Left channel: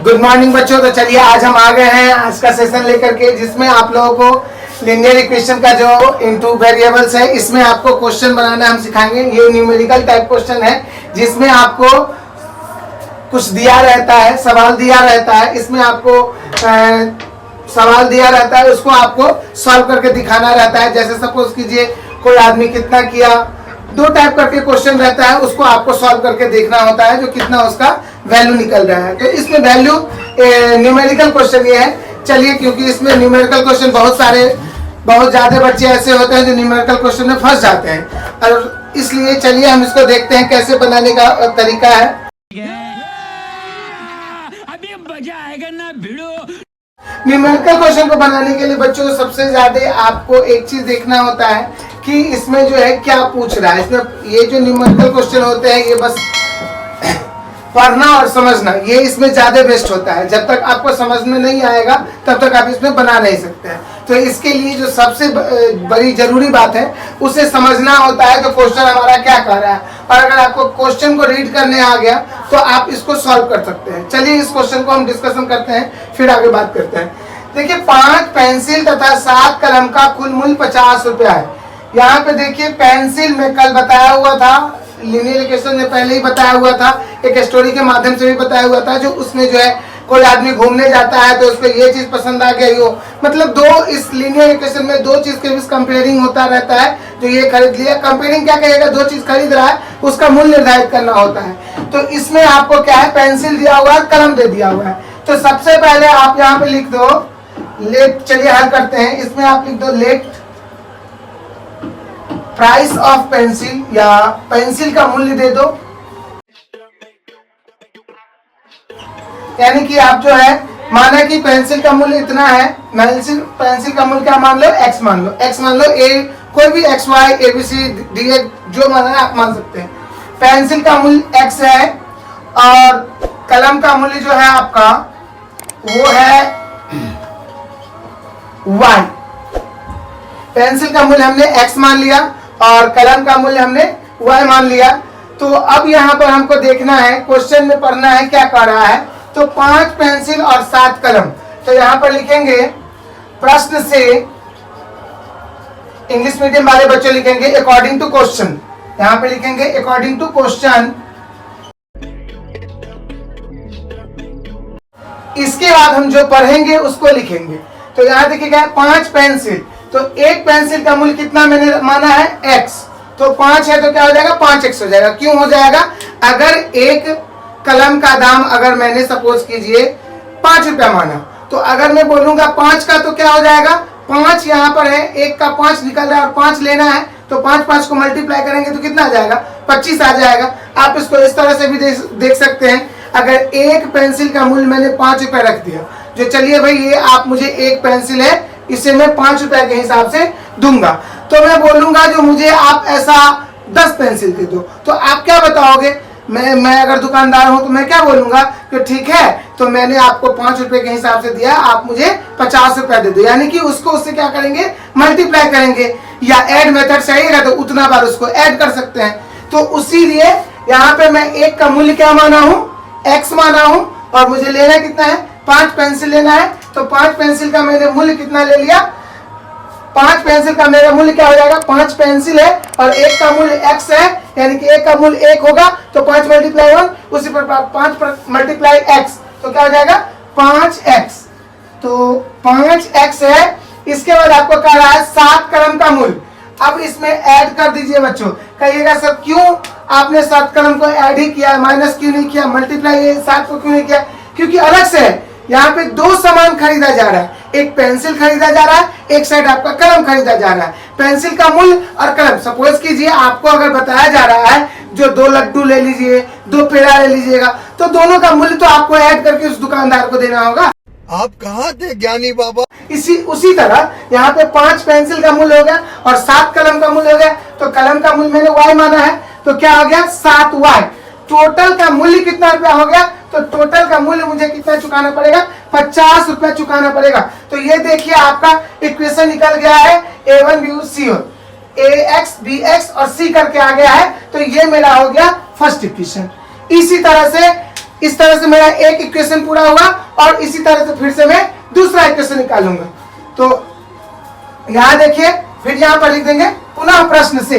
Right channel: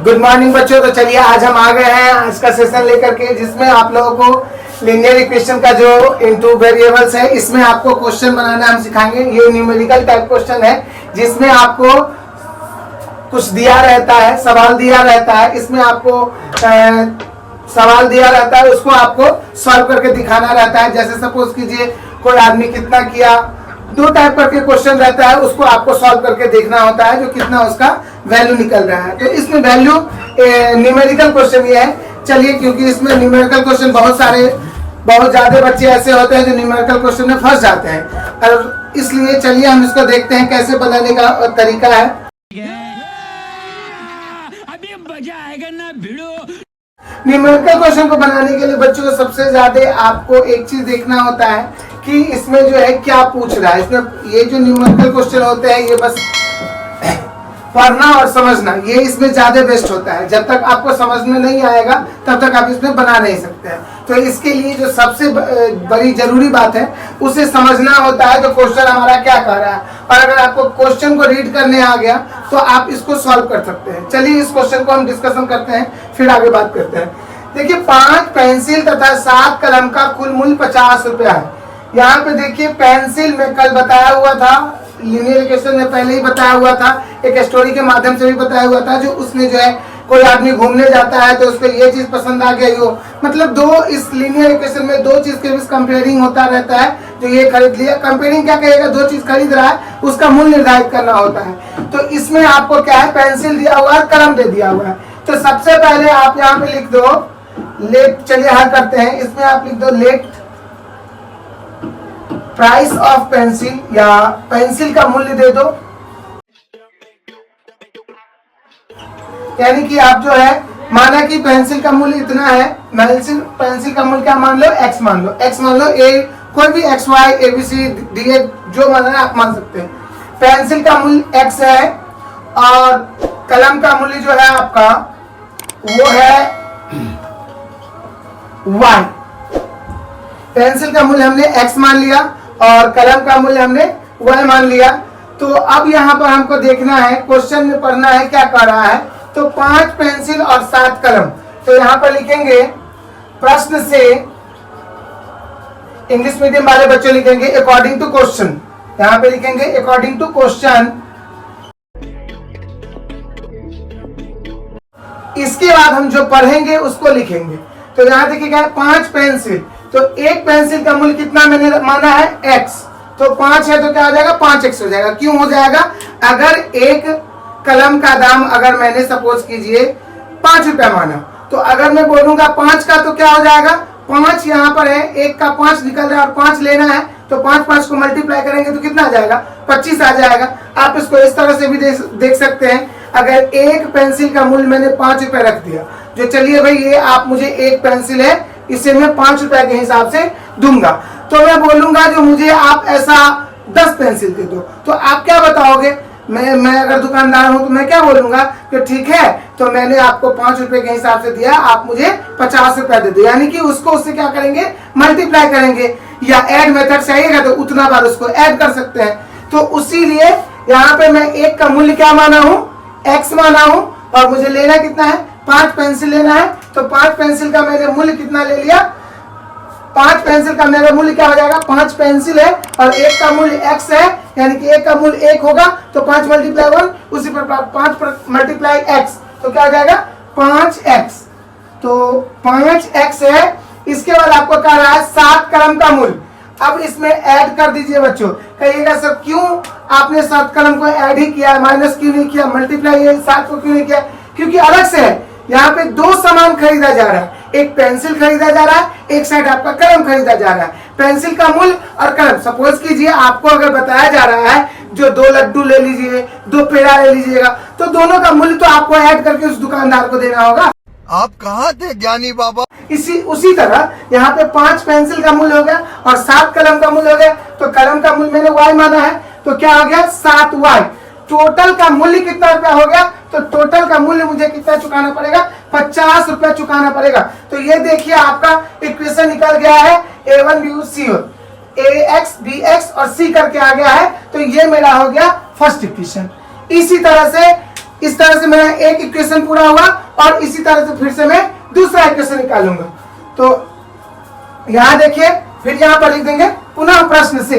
Good morning बच्चों। तो चलिए आज हम आ गए हैं आज का सेशन लेकर के, जिसमें आप लोगों को लीनियर इक्वेशन का जो इनटू वेरिएबल्स है, इसमें आपको क्वेश्चन बनाना हम सिखाएंगे। ये न्यूमेरिकल टाइप क्वेश्चन है जिसमें आपको कुछ दिया रहता है, सवाल दिया रहता है। इसमें आपको सवाल दिया रहता है, उसको आपको सॉल्व करके दिखाना रहता है। जैसे सपोज कीजिए कोई आदमी कितना किया, दो टाइप करके क्वेश्चन रहता है, उसको आपको सॉल्व करके देखना होता है जो कितना उसका वैल्यू निकल रहा है। तो इसमें वैल्यू न्यूमेरिकल क्वेश्चन ये है। चलिए, क्योंकि इसमें न्यूमेरिकल क्वेश्चन बहुत ज्यादा बच्चे ऐसे होते हैं जो न्यूमेरिकल क्वेश्चन में फंस जाते हैं, और इसलिए चलिए हम इसको देखते हैं कैसे बनाने का तरीका है। अभी मजा आएगा ना भिड़ो। न्यूमेरिकल क्वेश्चन को बनाने के लिए बच्चों को सबसे ज्यादा आपको एक चीज देखना होता है कि इसमें जो है क्या पूछ रहा है। इसमें ये जो न्यूमेरिकल क्वेश्चन होते हैं, ये बस पढ़ना और समझना, ये इसमें ज्यादा बेस्ट होता है। जब तक आपको समझ में नहीं आएगा तब तक आप इसमें बना नहीं सकते हैं। तो इसके लिए जो सबसे बड़ी जरूरी बात है, उसे समझना होता है कि क्वेश्चन हमारा क्या कह रहा है। और अगर आपको क्वेश्चन को रीड करने आ गया तो आप इसको सॉल्व कर सकते हैं। चलिए इस क्वेश्चन को हम डिस्कशन करते हैं, फिर आगे बात करते हैं। देखिए, 5 पेंसिल तथा 7 कलम का कुल मूल्य 50 रुपया है। यहाँ पे देखिए पेंसिल में कल बताया हुआ था, लीनियर इक्वेशन में पहले ही बताया हुआ था, एक स्टोरी के माध्यम से भी बताया हुआ था। जो उसमें जो है कोई आदमी घूमने जाता है तो उसको ये चीज पसंद आ गई हो, मतलब दो इस लीनियर इक्वेशन में दो चीज के बीच कंपेयरिंग होता रहता है। जो ये खरीद लिया, कंपेयरिंग क्या कहेगा, दो चीज खरीद रहा है, उसका मूल्य निर्धारित करना होता है। तो इसमें आपको क्या है, पेंसिल दिया हुआ है, कलम दे दिया हुआ है। तो सबसे पहले आप यहाँ पे लिख दो लेट। चलिए हल करते हैं। इसमें आप लिख दो लेट प्राइस ऑफ पेंसिल, या पेंसिल का मूल्य दे दो। यानी कि आप जो है माना कि पेंसिल का मूल्य इतना है, पेंसिल का मूल्य क्या मान लो, x मान लो। x मान लो, a कोई भी x y a b c d e जो मानना है आप मान सकते हैं। पेंसिल का मूल्य x है और कलम का मूल्य जो है आपका वो है y। पेंसिल का मूल्य हमने x मान लिया और कलम का मूल्य हमने y मान लिया। तो अब यहाँ पर हमको देखना है, क्वेश्चन में पढ़ना है क्या कर रहा है। तो 5 पेंसिल और 7 कलम, तो यहाँ पर लिखेंगे प्रश्न से, इंग्लिश मीडियम वाले बच्चे लिखेंगे अकॉर्डिंग टू क्वेश्चन। यहाँ पे लिखेंगे अकॉर्डिंग टू क्वेश्चन। इसके बाद हम जो पढ़ेंगे उसको लिखेंगे। तो यहाँ देखिएगा 5 पेंसिल, तो एक पेंसिल का मूल्य कितना मैंने माना है, x। तो 5 है तो क्या हो जाएगा, 5x हो जाएगा। क्यों हो जाएगा, अगर एक कलम का दाम अगर मैंने सपोज कीजिए 5 रुपया माना, तो अगर मैं बोलूंगा 5 का तो क्या हो जाएगा, 5 यहाँ पर है, एक का 5 निकल रहा है और 5 लेना है, तो 5 को मल्टीप्लाई करेंगे तो कितना आ जाएगा, 25 आ जाएगा। आप इसको इस तरह से भी देख सकते हैं। अगर एक पेंसिल का मूल्य मैंने 5 रुपया रख दिया, जो चलिए भाई ये आप मुझे एक पेंसिल है, इसे मैं 5 रुपया के हिसाब से दूंगा, तो मैं बोलूंगा जो मुझे आप ऐसा 10 पेंसिल दे दो। तो आप क्या बताओगे, मैं अगर दुकानदार हूं तो मैं क्या बोलूंगा कि ठीक है, तो मैंने आपको 5 रुपए के हिसाब से दिया, आप मुझे 50 रुपया दे दो। यानी कि उसको उससे क्या करेंगे, मल्टीप्लाई करेंगे, या ऐड मेथड चाहिएगा तो उतना बार उसको ऐड कर सकते हैं। तो उसी लिए यहाँ पे मैं एक का मूल्य क्या माना हूँ, x माना हूँ, और मुझे लेना कितना है, 5 पेंसिल लेना है। तो 5 पेंसिल का मैंने मूल्य कितना ले लिया, 5 पेंसिल का मेरा मूल्य क्या हो जाएगा, 5 पेंसिल है और एक का मूल्य x है, यानी कि एक का मूल्य 1 होगा, तो 5 मल्टीप्लाई 1, उसी पर 5 मल्टीप्लाई x, तो क्या हो जाएगा 5x। तो 5x है। इसके बाद आपको कह रहा है 7 कलम का मूल्य। अब इसमें ऐड कर दीजिए बच्चों। कहिएगा सर क्यों आपने 7 कलम को ऐड ही किया, माइनस क्यों नहीं किया, मल्टीप्लाई 7 को क्यों नहीं किया, क्योंकि अलग से है। यहाँ पे दो सामान खरीदा जा रहा है, एक पेंसिल खरीदा जा रहा है, एक साइड आपका कलम खरीदा जा रहा है। पेंसिल का मूल्य और कलम, सपोज कीजिए आपको अगर बताया जा रहा है जो 2 लड्डू ले लीजिए, 2 पेड़ा ले लीजिएगा, तो दोनों का मूल्य तो आपको ऐड करके उस दुकानदार को देना होगा। आप कहाँ थे ज्ञानी बाबा। उसी तरह यहाँ पे 5 पेंसिल का मूल्य हो गया और 7 कलम का मूल्य हो गया। तो कलम का मूल्य मैंने y माना है, तो क्या हो गया 7y। टोटल का मूल्य कितना रुपया हो गया, तो टोटल का मूल्य मुझे कितना चुकाना पड़ेगा, 50 रुपया चुकाना पड़ेगा। तो ये देखिए आपका इक्वेशन निकल गया है, a1 b c ax bx और c करके आ गया है। तो ये मेरा हो गया फर्स्ट इक्वेशन। इसी तरह से इस तरह से मेरा एक इक्वेशन पूरा हुआ और इसी तरह से फिर से मैं दूसरा इक्वेशन निकालूंगा। तो यहां देखिए, फिर यहां पर लिख देंगे पुनः प्रश्न से,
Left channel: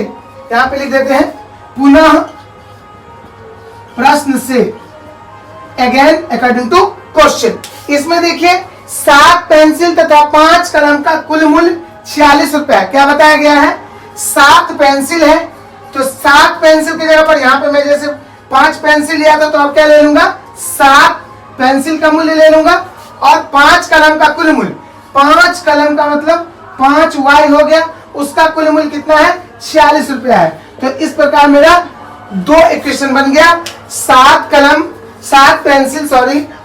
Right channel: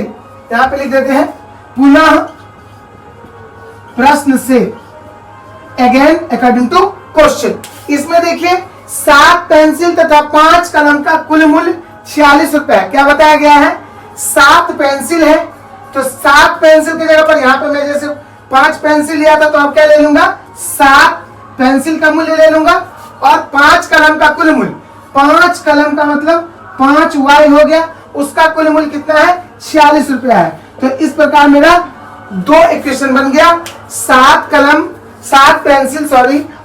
यहां पे लिख देते हैं पुनः प्रश्न से, अगेन अकॉर्डिंग टू क्वेश्चन। इसमें देखिए 7 पेंसिल तथा 5 कलम का कुल मूल्य 46 रुपए है। क्या बताया गया है? 7 पेंसिल है, तो 7 पेंसिल की जगह पर यहाँ पे मैं जैसे 5 पेंसिल लिया था, तो अब क्या ले लूंगा? 7 पेंसिल का मूल्य ले लूंगा और 5 कलम का कुल मूल्य, 5 कलम का मतलब 5 वाई हो गया, उसका कुल मूल्य कितना है? 46 रुपया है। तो इस प्रकार मेरा 2 इक्वेशन बन गया, 7 पेंसिल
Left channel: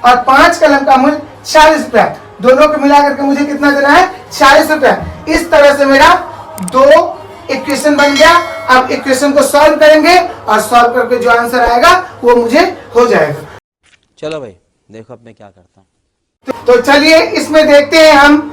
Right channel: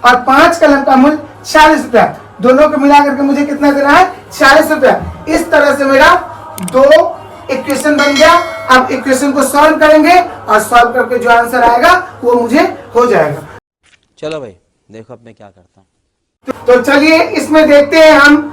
और 5 कलम का मूल्य 46 रुपया, दोनों को मिला करके मुझे कितना देना है? 46 रुपया। इस तरह से मेरा 2 इक्वेशन बन गया। अब इक्वेशन को सॉल्व करेंगे और सॉल्व करके जो आंसर आएगा वो मुझे हो जाएगा। चलो भाई देखो अब मैं क्या करता हूँ। तो चलिए इसमें देखते हैं हम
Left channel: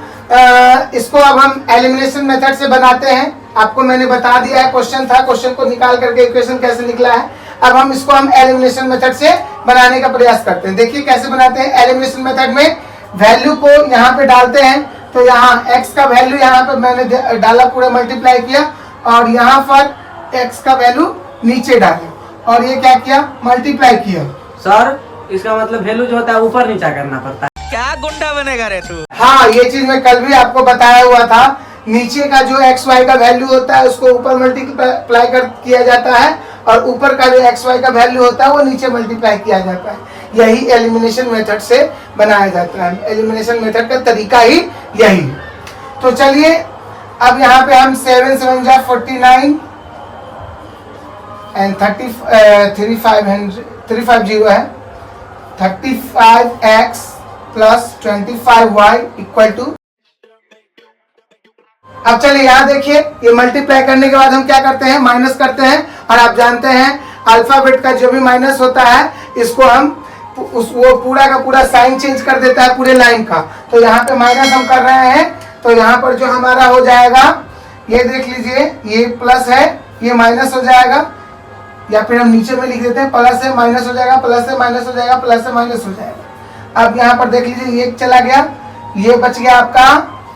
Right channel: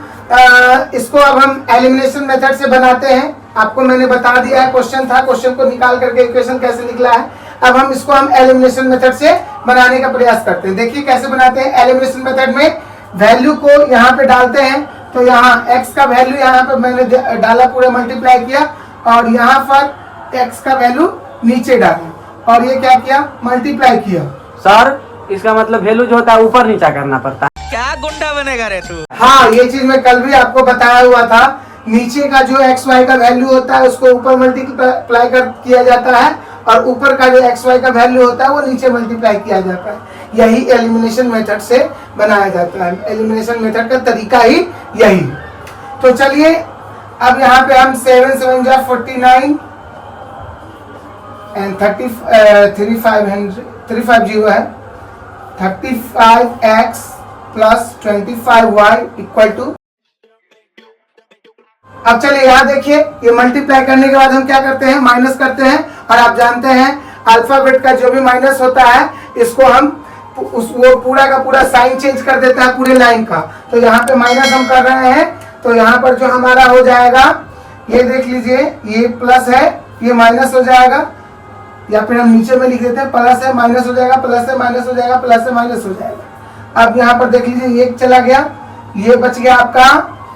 इसको अब हम एलिमिनेशन मेथड से बनाते हैं। आपको मैंने बता दिया है, क्वेश्चन था, क्वेश्चन को निकाल करके इक्वेशन कैसे निकला है। अब हम इसको एलिमिनेशन मेथड से बनाने का प्रयास करते हैं। देखिए कैसे बनाते हैं। एलिमिनेशन मेथड में वैल्यू को यहाँ पे डालते हैं, तो यहाँ x का वैल्यू यहाँ पे मैंने डाला, पूरा मल्टीप्लाई किया और यहाँ पर x का वैल्यू नीचे डाला और ये क्या किया? मल्टीप्लाई किया। सर इसका मतलब वैल्यू जो होता है ऊपर नीचा करना पड़ता है। क्या गुंडा बनेगा रे तू? हाँ, ये चीज मैं कल भी आपको बताया हुआ था। नीचे का जो एक्स वाई का वैल्यू होता है उसको ऊपर मल्टीप्लाई किया जाता है और ऊपर का जो एक्स वाई का वैल्यू होता है वो नीचे मल्टीप्लाई किया जाता है। यही एलिमिनेशन मेथड से बनाया जाता है। एलिमिनेशन मेथड का तरीका ही यही। तो चलिए अब यहाँ पे हम 7 7 जा 49 एंड 350 है, 35x plus 25y equal to. अब चलिए यहाँ देखिए, ये मल्टीप्लाई करने के बाद हम क्या करते हैं? माइनस करते हैं। और आप जानते हैं अल्फाबेट का जो भी माइनस होता है इसको हम वो पूरा का पूरा साइन चेंज कर देता है पूरे लाइन का। तो यहाँ पे माइनस हम कर रहे हैं, तो यहाँ पर जो हमारा हो जाएगा, ये देख लीजिए, ये प्लस है, ये माइनस हो जाएगा, या फिर हम नीचे में लिख देते हैं प्लस है माइनस हो जाएगा, प्लस है माइनस हो जाएगा, प्लस है माइनस हो जाएगा। अब यहाँ पर देख लीजिए, ये चला गया, ये बच गया आपका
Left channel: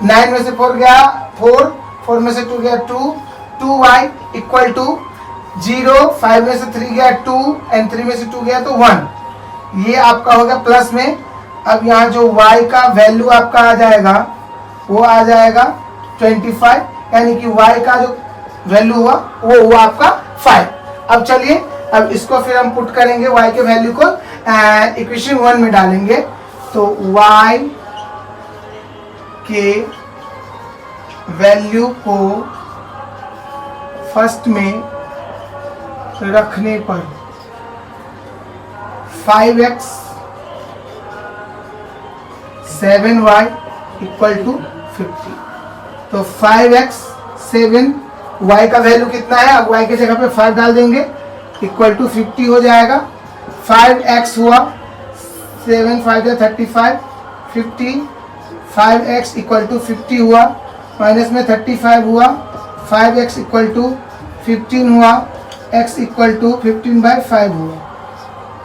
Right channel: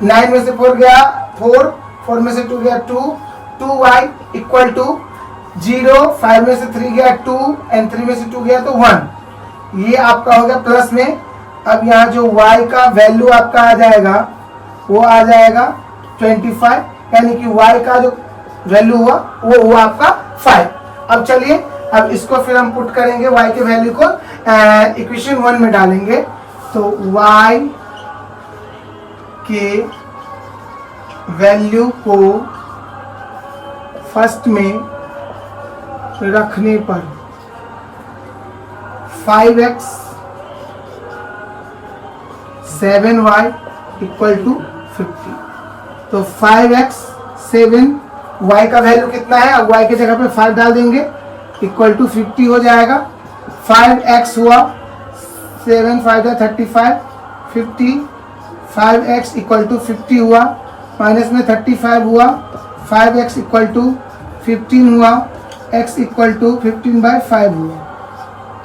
9 में से 4 गया 4, 4 में से 2 गया 2, 2y इक्वल टू 0, 5 में से 3 गया 2 एंड 3 में से 2 गया तो 1। ये आपका हो गया प्लस में। अब यहाँ जो y का वैल्यू आपका आ जाएगा वो आ जाएगा 25, यानी कि y का जो वैल्यू हुआ वो हुआ आपका 5। अब चलिए अब इसको फिर हम पुट करेंगे, y के वैल्यू को इक्वेशन 1 में डालेंगे। तो y के वैल्यू को फर्स्ट में रखने पर 5x 7y इक्वल टू 50। तो 5x 7y का वैल्यू कितना है? अब y की जगह पे 5 डाल देंगे, इक्वल टू 50 हो जाएगा। 5x हुआ 7 5 35 50, 5x इक्वल टू 50 हुआ, माइनस में 35 हुआ, 5x इक्वल टू 15 हुआ, x इक्वल टू 15/5 हुआ,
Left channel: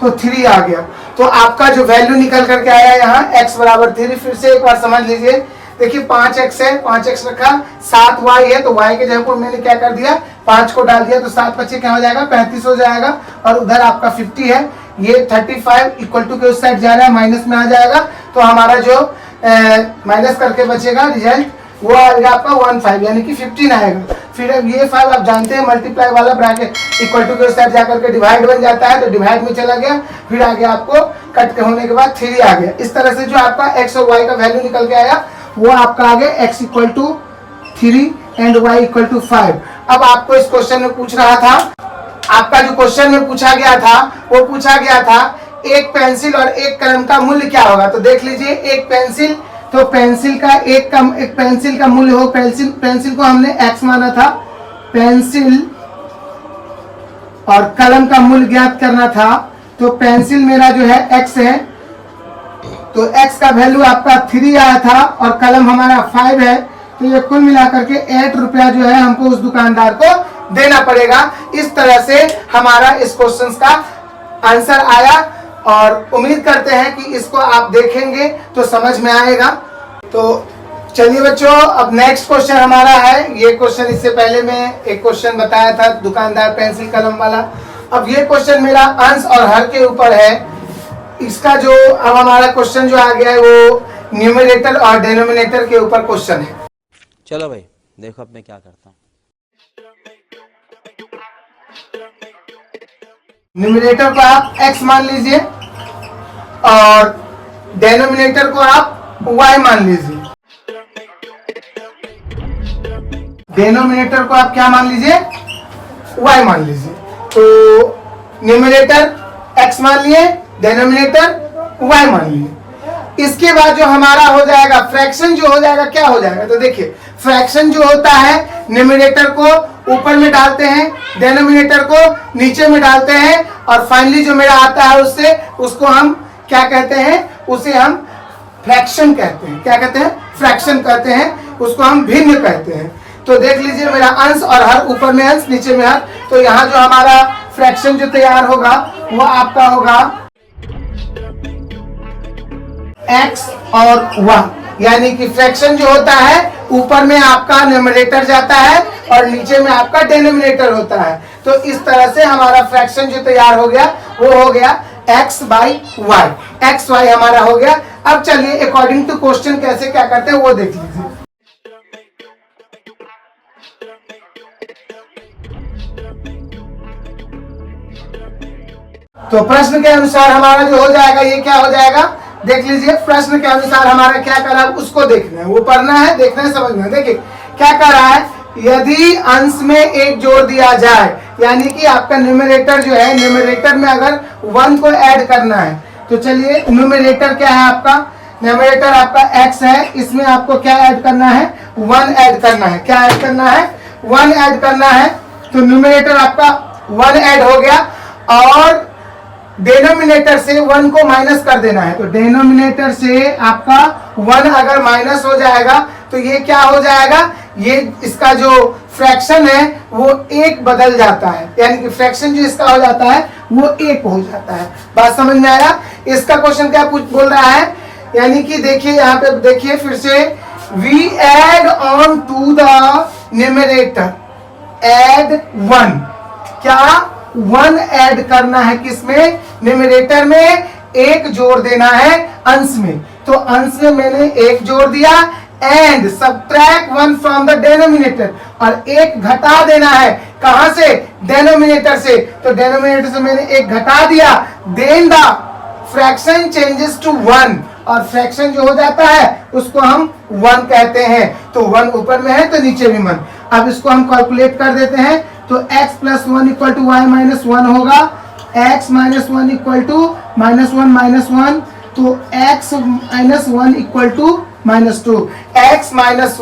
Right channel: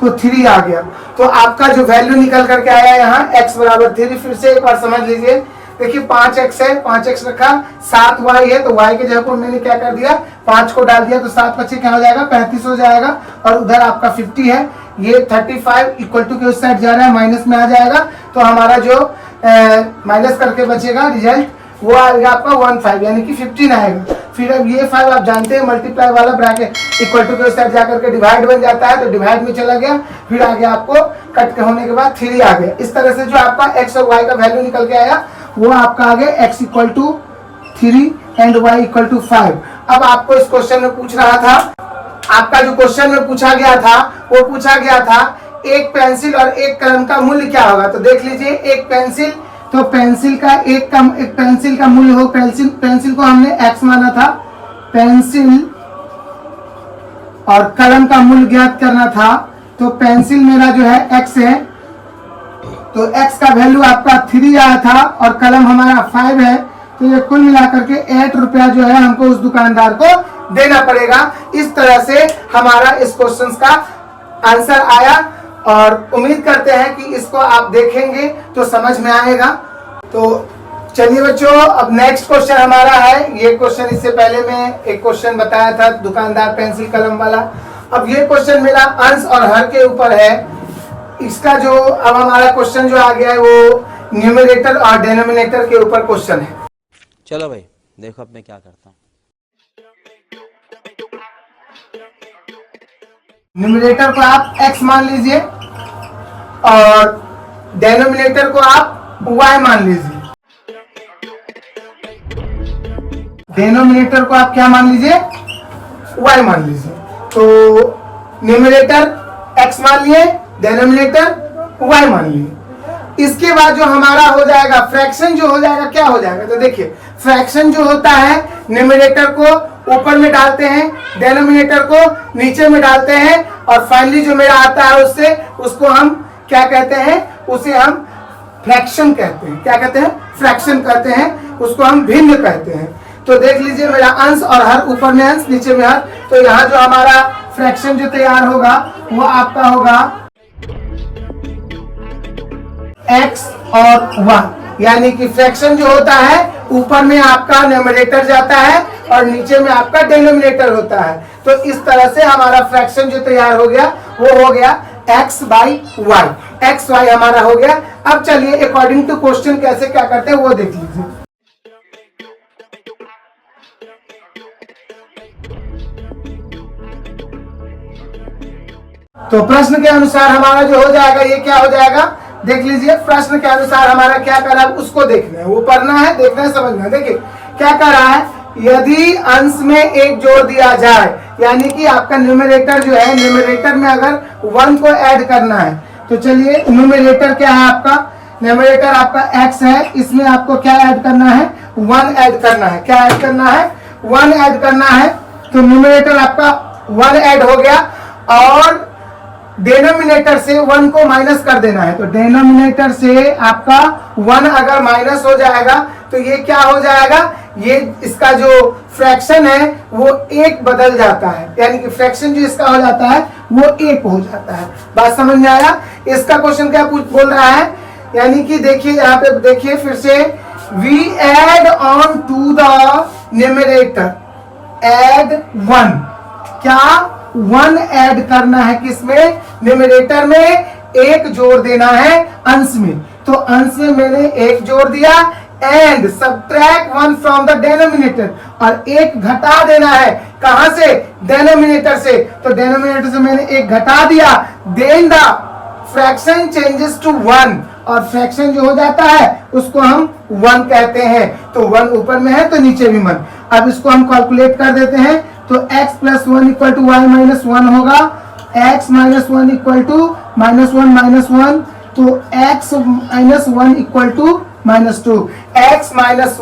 तो 3 आ गया। तो आपका जो वैल्यू निकल करके आया यहाँ x बराबर 3। फिर से एक बार समझ लीजिए, देखिए 5x है, 5x रखा, 7y है, तो y के जगह पर मैंने क्या कर दिया? 5 को डाल दिया, तो 7 25 क्या हो जाएगा? 35 हो जाएगा। और उधर आपका 50 है, ये 35 इक्वल टू के उस साइड जा रहा है, माइनस में आ जाएगा। तो हमारा जो माइनस करके बचेगा रिजल्ट वो आएगा आपका 15, यानी कि 15 आएगा। फिर अब ये 5 आप जानते हैं मल्टीप्लाई वाला ब्रैकेट इक्वल टू के उस साइड जाकर के डिवाइड बन जाता है, तो डिवाइड में चला गया। फिर आगे आपको कट के होने के बाद 3 आ गया। इस तरह से जो आपका x और y का वैल्यू निकल के आया वो आपका आ गया x equal to 3 and y equal to 5। अब आपको इस क्वेश्चन में पूछ रहा था, आपका जो क्वेश्चन में पूछा गया था वो पूछा गया था एक पेंसिल और एक कलम का मूल्य क्या होगा। तो देख लीजिए, एक पेंसिल, तो पेंसिल का एक पेंसिल का मूल्य हो, पेंसिल को हमने x माना था, पेंसिल और कलम का मूल्य ज्ञात करना था। तो पेंसिल मेरा जो है x है, तो x का वैल्यू आपका 3 आया था और कलम हमारा 5 है, तो ये कुल मिलाकर के 8 रुपया जो है हमको उस दुकानदार को देना पड़ेगा। इस तरह से हमारा इस क्वेश्चन का आंसर आया। और उम्मीद करते हैं कि इसको आप देखेंगे तो समझ में आएगा। तो चलिए बच्चों, अब नेक्स्ट क्वेश्चन हमारा है। ये क्वेश्चन इससे पहले मैं एक क्वेश्चन बताया था दुकानदार पेंसिल कलम वाला। अब ये क्वेश्चन मेरा अंश और हर के ऊपर है। इसका जो अब हमारा क्वेश्चन जो आ गया है वो न्यूमरेटर और डिनोमिनेटर के ऊपर क्वेश्चन है। चलो भाई देखो अब मैं क्या करता हूँ। न्यूमरेटर को आप x मान लीजिए और डिनोमिनेटर को आप y मान लीजिए। डिनोमिनेटर को आप क्या मान लीजिए? y मान लीजिए। तो न्यूमरेटर x मान लिए, डिनोमिनेटर y मान लिए। इसके बाद जो हमारा हो जाएगा फ्रैक्शन जो हो जाएगा, क्या हो जाएगा? तो देखिए फ्रैक्शन जो होता है न्यूमरेटर को ऊपर में डालते हैं, डिनोमिनेटर को नीचे में डालते हैं और फाइनली जो मेरा आता है उससे उसको हम क्या कहते हैं? उसे हम फ्रैक्शन कहते हैं। क्या कहते हैं? फ्रैक्शन कहते हैं। उसको हम भिन्न कहते हैं। तो देख लीजिए मेरा अंश और हर, ऊपर में अंश नीचे में हर। तो यहाँ जो हमारा फ्रैक्शन जो तैयार होगा वो आपका होगा x और 1, यानी कि फ्रैक्शन जो होता है ऊपर में आपका न्यूमरेटर जाता है और नीचे में आपका डिनोमिनेटर होता है। तो इस तरह से हमारा फ्रैक्शन जो तैयार हो गया वो हो गया x by y. X y हमारा हो गया। अब चलिए अकॉर्डिंग टू क्वेश्चन कैसे क्या करते हैं वो देख लीजिए। तो प्रश्न के अनुसार हमारा जो हो जाएगा ये क्या हो जाएगा? देख लीजिए प्रश्न के अनुसार हमारा क्या कर रहा है उसको देखना है, वो पढ़ना है, देखना है, समझना है। देखिए क्या कर रहा है, यदि अंश में एक जोड़ दिया जाए, यानी कि आपका न्यूमरेटर जो है, न्यूमरेटर में अगर 1 को ऐड करना है तो चलिए न्यूमरेटर क्या है आपका? न्यूमरेटर आपका x है, इसमें आपको क्या ऐड करना है? 1 ऐड करना है। क्या ऐड करना है? 1 ऐड करना है। तो न्यूमरेटर आपका 1 ऐड हो गया और डिनोमिनेटर से 1 को माइनस कर देना है। तो डिनोमिनेटर से आपका 1 अगर माइनस हो जाएगा तो ये क्या हो जाएगा? ये इसका जो फ्रैक्शन है वो 1 बदल जाता है, यानी कि फ्रैक्शन जो इसका हो जाता है वो 1 हो जाता है। बात समझ में आया? इसका क्वेश्चन क्या बोल रहा है, यानी कि देखिए यहाँ पे देखिए फिर से, we add on to the numerator add 1। क्या 1 ऐड करना है? किसमें? न्यूमरेटर में 1 जोड़ देना है अंश में। तो अंश में मैंने 1 जोड़ दिया and subtract 1 from the denominator, और 1 घटा देना है। कहां से? डिनोमिनेटर से। तो डिनोमिनेटर से मैंने 1 घटा दिया, then the fraction changes to 1, और फ्रैक्शन जो हो जाता है उसको हम 1 कहते हैं। तो 1 ऊपर में है तो नीचे भी 1। अब इसको हम कैलकुलेट कर देते हैं। तो x plus 1 equal to y minus 1 होगा। x माइनस 1 इक्वल टू -1 -1, तो x minus 1 equal to -2। x minus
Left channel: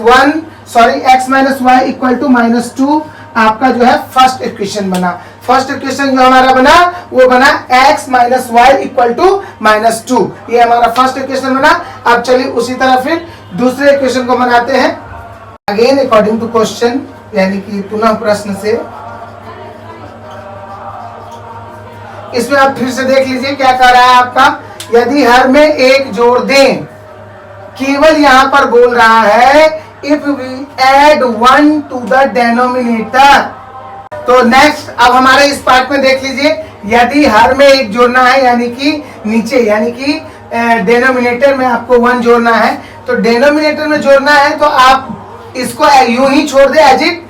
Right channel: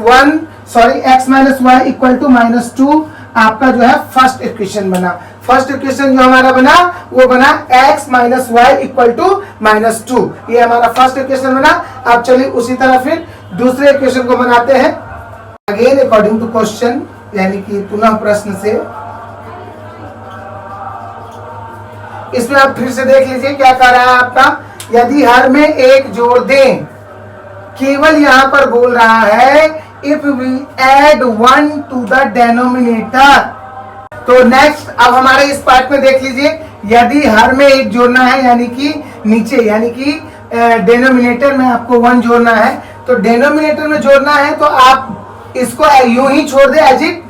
y equal to -2 आपका जो है फर्स्ट इक्वेशन बना। फर्स्ट इक्वेशन जो हमारा बना वो बना x minus y equal to -2। ये हमारा फर्स्ट इक्वेशन बना। अब चलिए उसी तरह फिर दूसरे इक्वेशन को बनाते हैं। अगेन अकॉर्डिंग टू क्वेश्चन, यानी कि पुनः प्रश्न से। इसमें आप फिर से देख लीजिए क्या कर रहा है आपका, यदि हर में 1 जोड़ दें, केवल यहां पर बोल रहा है if we add 1 to the denominator. तो नेक्स्ट अब हमारे इस पार्ट में देख लीजिए, यदि हर में 1 जोड़ना है, यानी कि नीचे, यानी कि डिनोमिनेटर में आपको 1 जोड़ना है। तो डिनोमिनेटर में जोड़ना है तो आप इसको यूं ही छोड़ दे एज इट,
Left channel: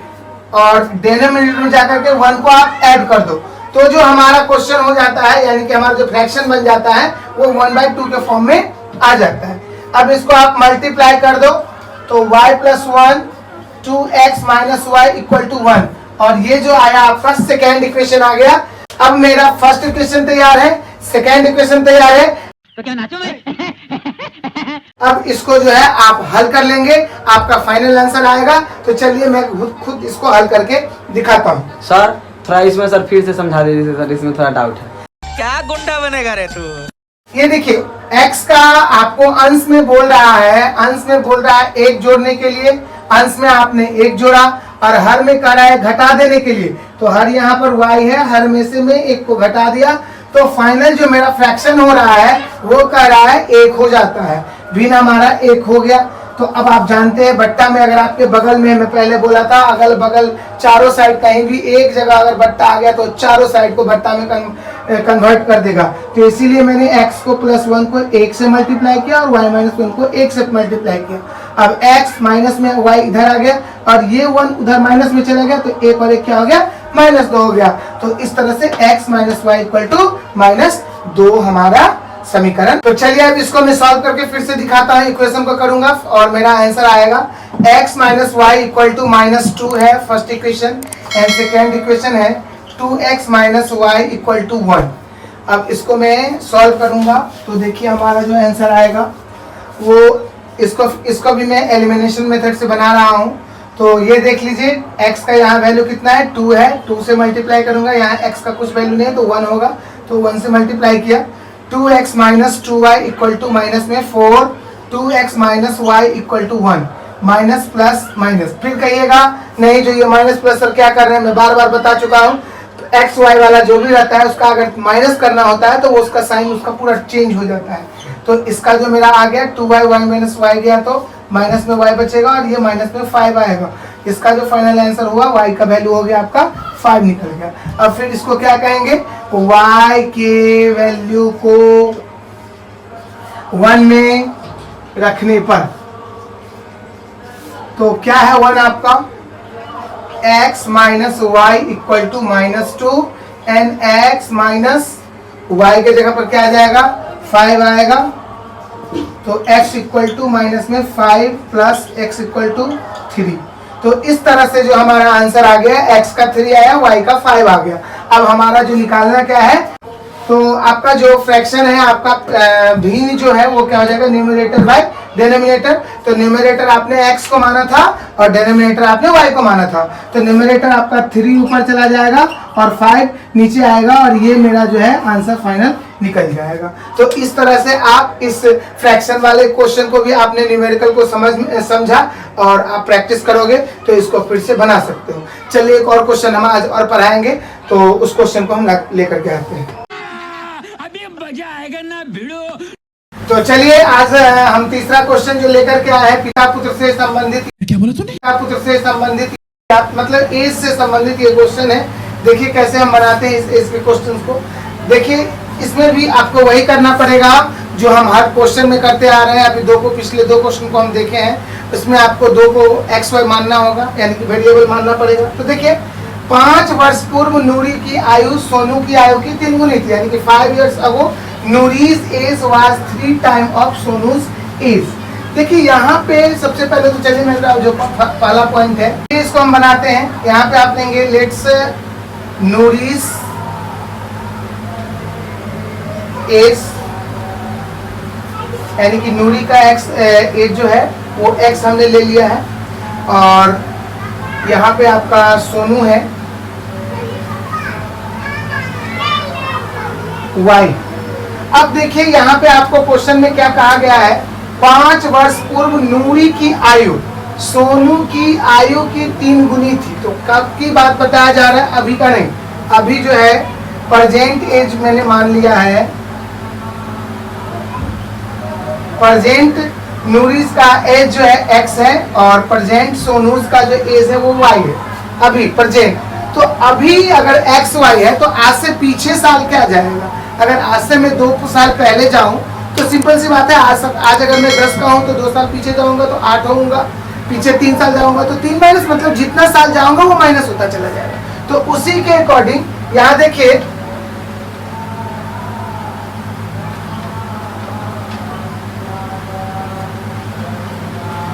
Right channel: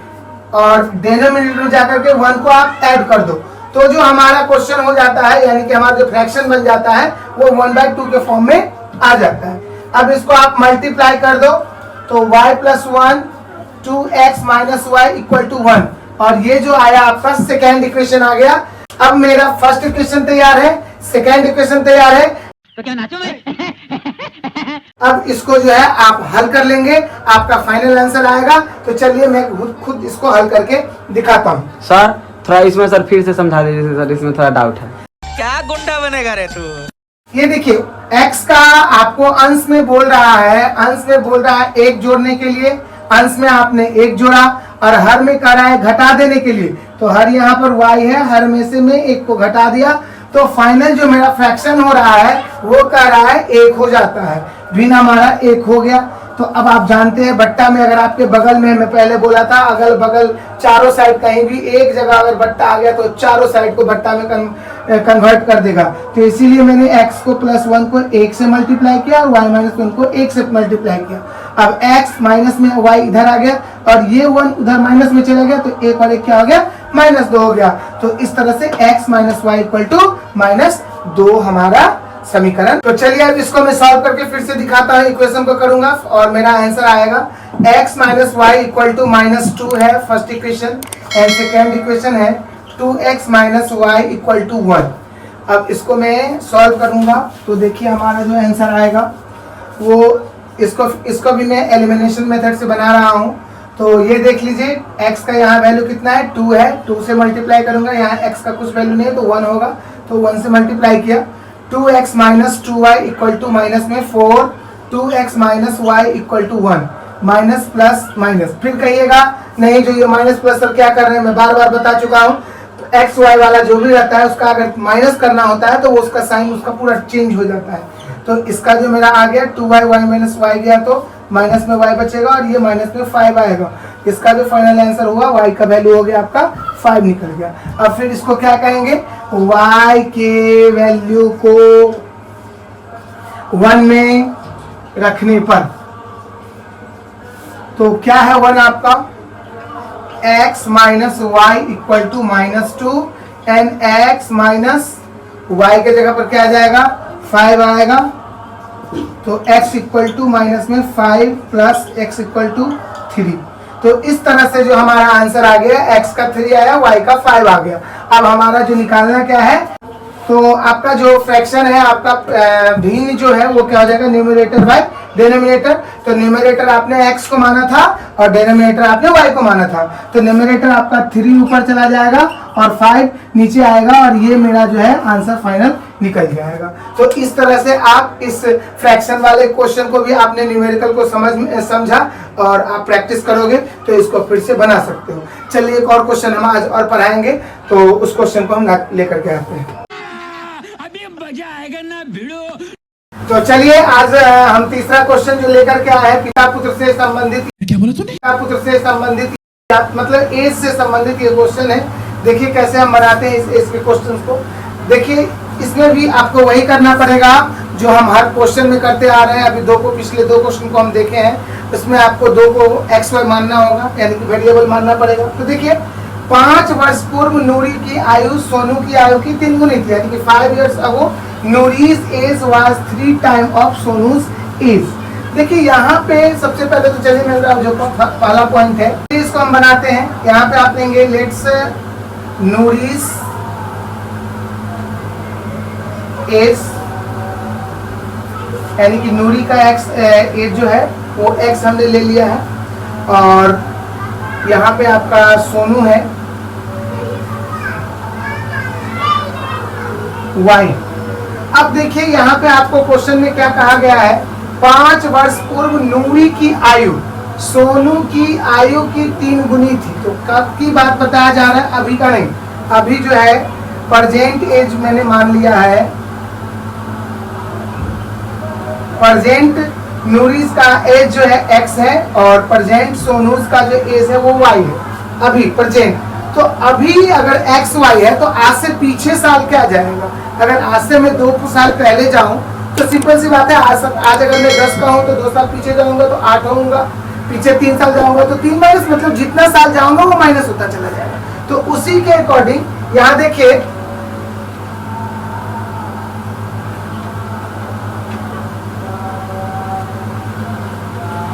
और डिनोमिनेटर में जाकर के 1 को आप ऐड कर दो। तो जो हमारा क्वेश्चन हो जाता है, यानी कि हमारा जो फ्रैक्शन बन जाता है वो 1/2 के फॉर्म में आ जाता है। अब इसको आप मल्टीप्लाई कर दो, तो y plus 1 2x minus y equal to 1, और ये जो आया आपका सेकेंड इक्वेशन आ गया। अब मेरा फर्स्ट इक्वेशन तैयार है, सेकेंड इक्वेशन तैयार है। तो क्या नाचो मैं? अब इसको जो है आप हल कर लेंगे, आपका फाइनल आंसर आएगा। तो चलिए मैं खुद इसको हल करके दिखाता हूँ। सर थोड़ा इसमें सर फिर से समझा दीजिए सर, इसमें थोड़ा डाउट है। क्या गुंडा बनेगा रे तू? ये देखिए x का आपको अंश में बोल रहा है, अंश में बोल रहा है 1 जोड़ने के लिए, अंश में आपने 1 जोड़ा, और हर में कह रहा है घटा देने के लिए। तो हर यहाँ पर y है, हर में से मैं 1 को घटा दिया, तो फाइनल जो मेरा फ्रैक्शन हो रहा है वो कह रहा है 1 हो जाता है। भिन्न हमारा 1 हो गया। तो अब आप जानते हैं बट्टा में अगर आपके बगल में, मैं पहले बोला था अगल बगल चारों साइड कहीं भी एक जगह अगर बट्टा आ गया तो चारों साइड को बट्टा में कन्वर्ट कर देगा। तो इसीलिए मैंने x को +1 को 1 से मल्टीप्लाई किया और y - 1 को 1 से मल्टीप्लाई किया। अब x माइनस में y इधर आ गया और ये 1 उधर माइनस में चला गया तो 1 और 1 क्या हो गया, -2 हो गया। तो इस तरह से x - y = -2 हमारा समीकरण। तो चलिए अब इसको मैं सॉल्व करके फिर से दिखाता हूँ, इक्वेशन को करूंगा और मेरा आंसर आएगा x - y = -2 है first equation and second equation है 2x - y = 1। अब इसको मैं सॉल्व करूंगा तो देखिए हमारा जो आंसर आएगा वो इसको भी मैं एलिमिनेशन मेथड से बना रहा हूँ। तो ये देख लीजिए x का यहाँ वैल्यू कितना है, 2 है, 2 से मल्टीप्लाई करूंगा, यहाँ x का कुछ वैल्यू नहीं है तो 1 होगा, तो 1 से मल्टीप्लाई किया। 2x - 2y = माइनस में 4, 2x - y = 1, minus plus minus. फिर कहिएगा नहीं जो ये माइनस प्लस सर क्या कर रहे हैं, मैं बार बार बता चुका हूँ। तो एक्स वाई वाला जो भी रहता है उसका अगर माइनस करना होता है तो वो उसका साइन उसका पूरा चेंज हो जाता है। तो इसका जो मेरा आ गया 2y, y - y गया तो माइनस में y बचेगा और ये माइनस में 5 आएगा। इसका जो फाइनल आंसर हुआ y का वैल्यू हो गया आपका 5 निकल गया। अब फिर इसको क्या कहेंगे, y के वैल्यू को 1 में रखने पर तो क्या है 1 आपका, x - y = -2 and x minus y के जगह पर क्या आ जाएगा 5 आएगा। तो x = माइनस में 5 प्लस x = 3। तो इस तरह से जो हमारा आंसर आ गया x का 3 आया, y का 5 आ गया। अब हमारा जो निकालना क्या है, तो आपका जो फ्रैक्शन है आपका भिन्न जो है वो क्या हो जाएगा, न्यूमरेटर बाय डिनोमिनेटर। तो न्यूमरेटर आपने x को माना था और डिनोमिनेटर आपने y को माना था। तो न्यूमरेटर आपका 3 ऊपर चला जाएगा और 5 नीचे आएगा और ये मेरा जो है आंसर फाइनल निकल जाएगा। तो इस तरह से आप इस फ्रैक्शन वाले क्वेश्चन को भी आपने न्यूमेरिकल को समझा और आप प्रैक्टिस करोगे तो इसको फिर से बना सकते हो। चलिए एक और क्वेश्चन हम आज और पढ़ाएंगे, तो उस क्वेश्चन को हम लेकर के आते हैं। अभी मजा आएगा ना भिड़ो। तो चलिए आज हम तीसरा क्वेश्चन जो लेकर के आए हैं, पिता पुत्र से संबंधित, क्या बोला तूने? पिता पुत्र से संबंधित मतलब एज से संबंधित ये क्वेश्चन है। देखिए कैसे हम बनाते हैं इस एज के क्वेश्चन को। देखिए इसमें भी आपको वही करना पड़ेगा जो हम हर क्वेश्चन में करते आ रहे हैं। अभी पिछले दो क्वेश्चन को हम देखे हैं, उसमें आपको 2 को एक्स वाई मानना होगा, यानी कि वेरिएबल मानना पड़ेगा। तो देखिए 5 वर्ष पूर्व नूरी की आयु सोनू की आयु की 3 गुनी थी, यानी कि 5 years ago Noori's age was 3 times of Sonu's age. देखिए यहाँ पे सबसे पहले तो चलिए मेरा जो पहला पॉइंट है इसको हम बनाते हैं। यहाँ पे आप लेंगे लेट्स नूरीज एज, यानी कि नूरी का एक्स एज जो है वो एक्स हमने ले लिया है और यहाँ पे आपका सोनू है वाई। अब देखिए यहाँ पे आपको क्वेश्चन में क्या कहा गया है, 5 वर्ष पूर्व नूरी की आयु सोनू की आयु की 3 गुनी थी। तो कब की बात बताया जा रहा है, अभी का नहीं। अभी जो है प्रेजेंट एज मैंने मान लिया है, प्रेजेंट नूरीज का एज जो है x है और प्रेजेंट सोनूज का जो एज है वो y है अभी प्रेजेंट। तो अभी अगर x y है तो आज से पीछे साल क्या जाएगा, अगर आज से मैं 2 साल पहले जाऊं तो सिंपल सी बात है, आज अगर मैं 10 का हूं तो 2 साल पीछे जाऊंगा तो 8 होऊंगा, पीछे 3 साल जाऊंगा तो 3 माइनस, मतलब जितना साल जाऊंगा वो माइनस होता चला जाएगा। तो उसी के अकॉर्डिंग यहाँ देखिए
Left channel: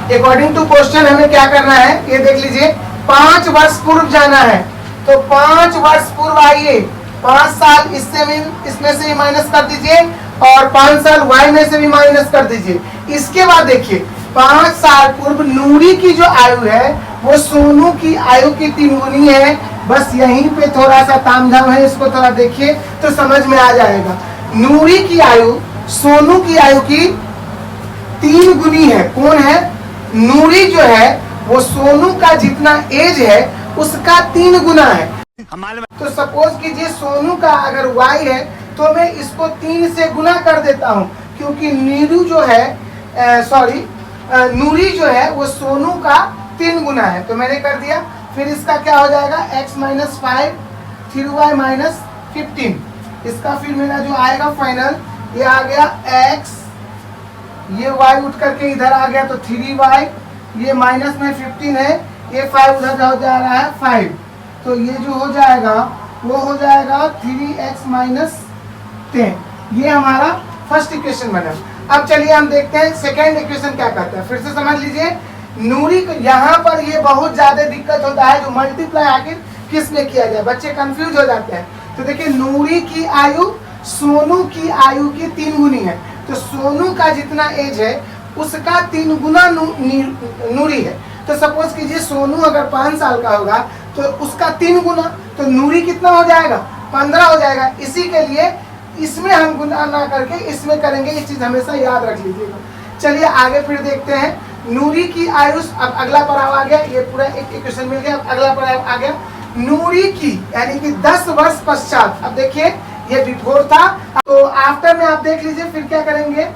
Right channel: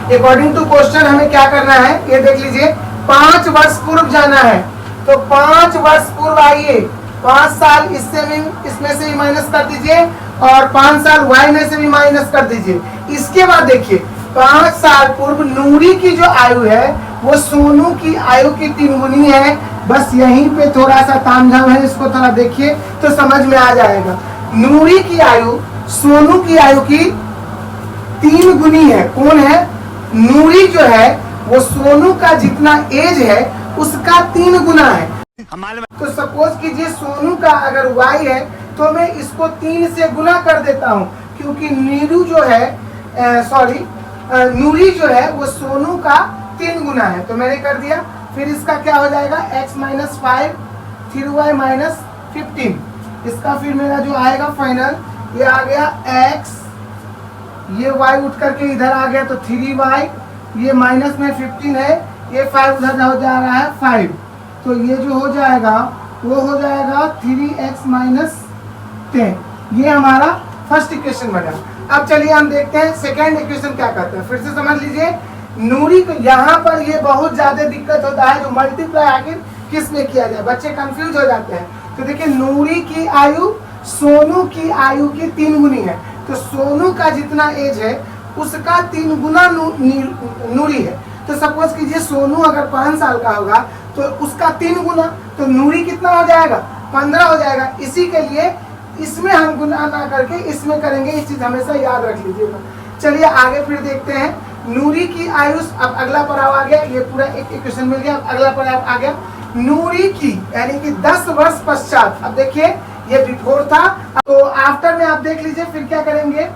अकॉर्डिंग टू क्वेश्चन हमें क्या करना है, ये देख लीजिए 5 वर्ष पूर्व जाना है। तो 5 वर्ष पूर्व आइए, 5 साल इसमें से भी माइनस कर दीजिए और 5 साल y में से भी माइनस कर दीजिए। इसके बाद देखिए 5 साल पूर्व नूरी की जो आयु है वो सोनू की आयु की 3 गुनी है। बस यहीं पे थोड़ा सा तामझाम है, इसको थोड़ा देखिए तो समझ में आ जाएगा। नूरी की आयु सोनू की आयु की 3 गुनी है। कौन है, नूरी जो है वो सोनू का जितना एज है उसका 3 गुना है। तो सपोज कीजिए सोनू का अगर y है तो मैं इसको 3 से गुना कर देता हूँ, क्योंकि नीरू जो है नूरी जो है वो सोनू का 3 गुना है, तो मैंने कर दिया। फिर इसका क्या हो जाएगा x माइनस 5 फिर y माइनस 15। इसका फिर मेरा जो आएगा फाइनल ये आ गया x, ये y उठ करके इधर आ गया तो 3y, ये माइनस में 15 है, ये 5 उधर हो जा रहा है 5, तो ये जो हो जाएगा वो हो जाएगा 3x माइनस 10। ये हमारा फर्स्ट इक्वेशन बना। अब चलिए हम देखते हैं सेकेंड इक्वेशन क्या कहते हैं। फिर से समझ लीजिए, नूरी को यहाँ पर ये बहुत ज्यादा दिक्कत होता है, जो मल्टीप्लाई आखिर किस में किया जाए, बच्चे कंफ्यूज हो जाते हैं। तो देखिए नूरी की आयु सोनू की आयु की 3 गुनी है, तो सोनू का जितना एज है उसका 3 गुना नूरी है। तो सपोज कीजिए सोनू अगर 5 साल का होगा तो उसका 3 गुना, तो नूरी कितना हो जाएगा 15 हो जाएगा। इसी के लिए इसमें हम गुना ना करके इसमें करेंगे, इस चीज हमेशा याद रख लीजिएगा। चलिए आगे फिर देखते हैं नूरी की आयु। अब अगला पड़ाव आ गया, ये पूरा एक इक्वेशन मिल गया। अब अगला पड़ाव आ गया नूरी की यानी कि 10 वर्ष पश्चात। अब देखिए ये बिफोर था, तो आफ्टर में आप देख लीजिए फिर क्या करेंगे।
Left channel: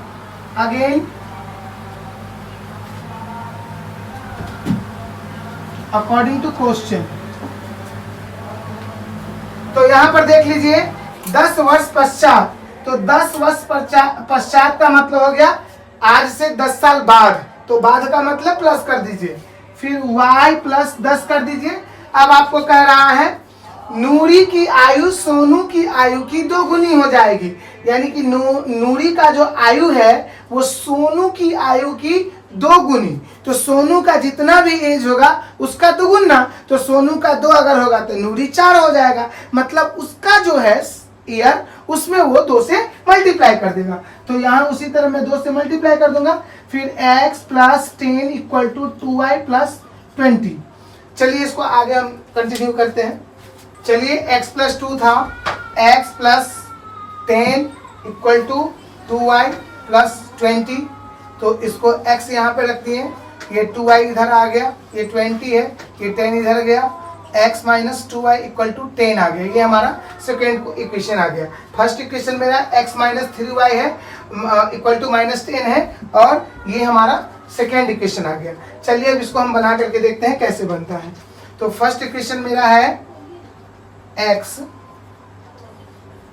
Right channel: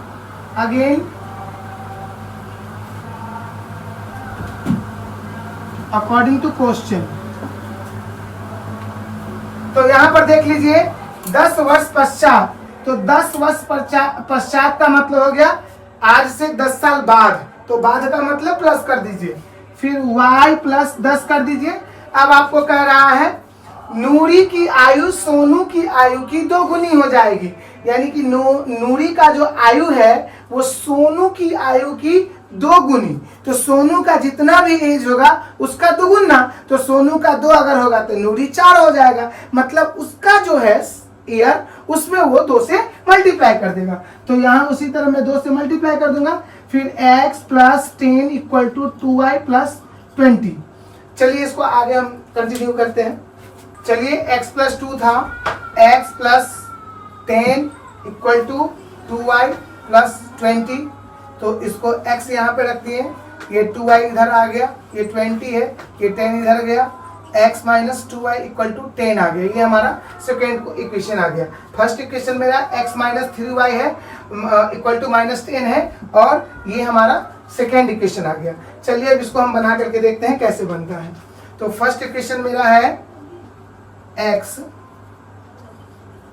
अगेन अकॉर्डिंग टू क्वेश्चन, तो यहाँ पर देख लीजिए 10 वर्ष पश्चात, तो 10 वर्ष पश्चात का मतलब हो गया आज से 10 साल बाद, तो बाद का मतलब प्लस कर दीजिए, फिर y प्लस 10 कर दीजिए। अब आपको कह रहा है नूरी की आयु सोनू की आयु की 2 गुनी हो जाएगी, यानी कि नूरी का जो आयु है वो सोनू की आयु की 2 गुनी। तो सोनू का जितना भी एज होगा उसका 2 गुना, तो सोनू का 2 अगर होगा तो नूरी 4 हो जाएगा, मतलब उसका जो है ईयर उसमें वो 2 से मल्टीप्लाई कर देगा। तो यहाँ उसी तरह मैं 2 से मल्टीप्लाई कर दूंगा, फिर x plus 10 equal to 2y plus 20। चलिए इसको आगे हम कंटिन्यू करते हैं। चलिए x प्लस 2 था, x plus 10 equal to 2y plus 20, तो इसको x यहाँ पे रख दिए, ये 2y इधर आ गया, ये 20 है, ये 10 इधर गया, x minus 2y equal to 10 आ गया। ये हमारा सेकेंड इक्वेशन आ गया। फर्स्ट इक्वेशन मेरा x माइनस 3y है इक्वल टू माइनस 10 है, और ये हमारा सेकेंड इक्वेशन आ गया। चलिए अब इसको हम बना करके देखते हैं कैसे बनता है। तो फर्स्ट इक्वेशन मेरा है x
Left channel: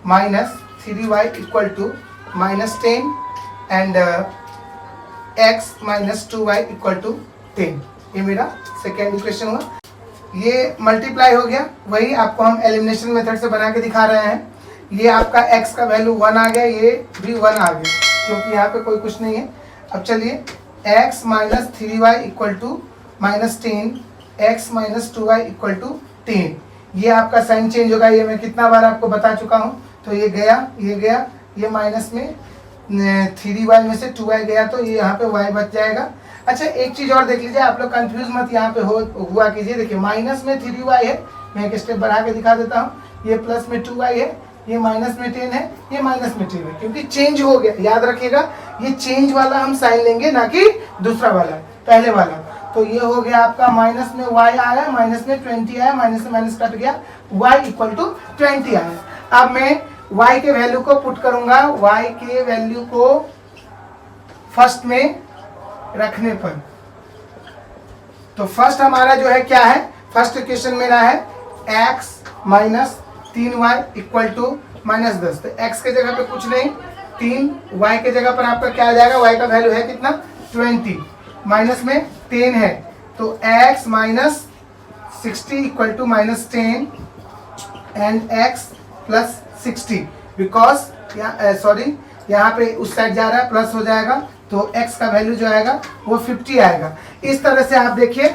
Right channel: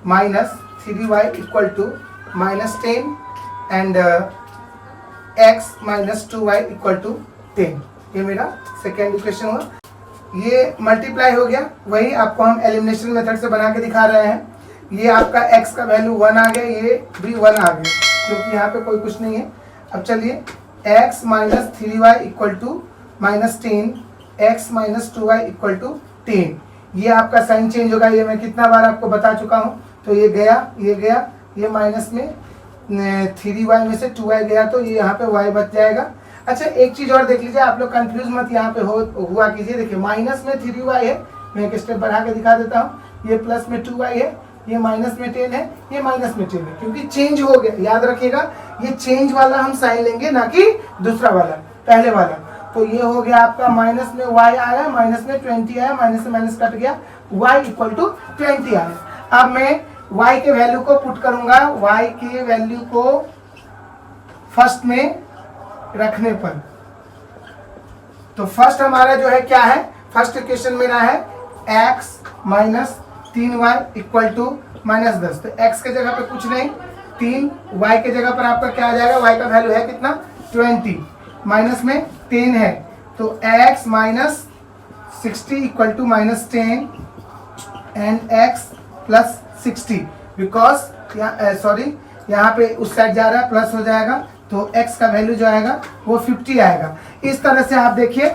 minus 3y equal to minus 10 and x minus 2y equal to 10। ये मेरा सेकेंड इक्वेशन हुआ। ये मल्टीप्लाई हो गया, वही आपको हम एलिमिनेशन मेथड से बना के दिखा रहे हैं। ये आपका x का वैल्यू 1 आ गया, ये भी 1 आ गया, क्योंकि यहाँ पे कोई कुछ नहीं है। अब चलिए x minus 3y equal to minus 10, x minus 2y equal to 10। ये आपका साइन चेंज होगा, ये मैं कितना बार आपको बता चुका हूँ। तो ये गया, ये माइनस में 3y में से 2y गया, तो ये यहाँ पे y बच जाएगा। अच्छा एक चीज और देख लीजिए, आप लोग कंफ्यूज मत यहाँ पे हुआ कीजिए। देखिए माइनस में 3y है, मैं एक स्टेप बढ़ा के दिखा देता हूँ। ये प्लस में 2y है, ये माइनस में 10 है, ये माइनस में 10 है, क्योंकि चेंज हो गया। याद रखिएगा ये चेंज वाला हम साइन लेंगे, ना कि दूसरा वाला, पहले वाला। तो ये हो गया आपका माइनस में y आया, माइनस में 20 आया, माइनस से माइनस कट गया, y इक्वल टू 20 आया। अब मैं y के वैल्यू को पुट करूंगा, y के वैल्यू को फर्स्ट में रखने पर, तो फर्स्ट हमारा जो है क्या है, फर्स्ट इक्वेशन मेरा है x minus 3y equal to minus 10। तो x के जगह पे कुछ नहीं, 3, y के जगह पर आपका क्या आ जाएगा, y का वैल्यू है कितना 20, माइनस में 10 है, तो x minus 60 equal to minus 10 and x plus 60, because sorry यहाँ पे उस साइड जा रहा है, प्लस हो जाएगा, तो x का वैल्यू जो आएगा वो 50 आएगा। इस तरह से आप देखिए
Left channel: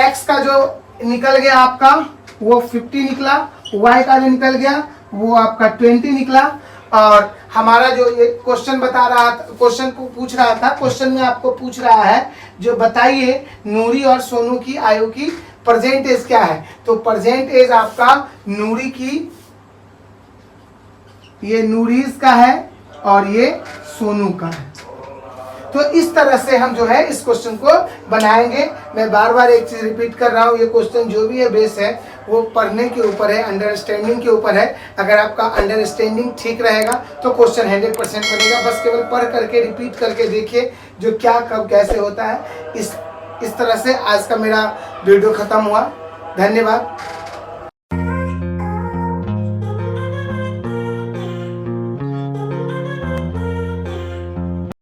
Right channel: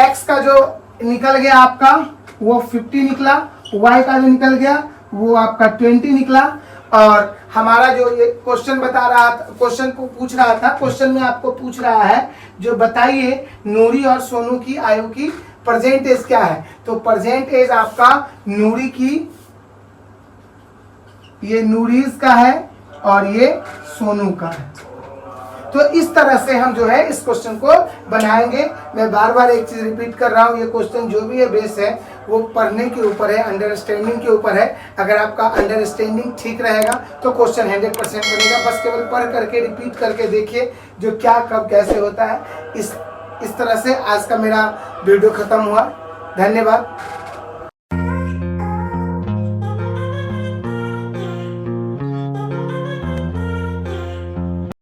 x का जो निकल गया आपका वो 50 निकला, y का जो निकल गया वो आपका 20 निकला। और हमारा जो ये क्वेश्चन बता रहा था, क्वेश्चन को पूछ रहा था, क्वेश्चन में आपको पूछ रहा है जो बताइए नूरी और सोनू की आयु की प्रेजेंट एज क्या है। तो प्रेजेंट एज आपका नूरी की, ये नूरीज का है और ये सोनू का है। तो इस तरह से हम जो है इस क्वेश्चन को बनाएंगे। मैं बार बार एक चीज रिपीट कर रहा हूँ, ये क्वेश्चन जो भी है बेस है वो पढ़ने के ऊपर है, अंडरस्टैंडिंग के ऊपर है। अगर आपका अंडरस्टैंडिंग ठीक रहेगा तो क्वेश्चन 100% बनेगा। बस केवल पढ़ करके रिपीट करके देखिए जो क्या कब कैसे होता है। इस तरह से आज का मेरा वीडियो खत्म हुआ। धन्यवाद।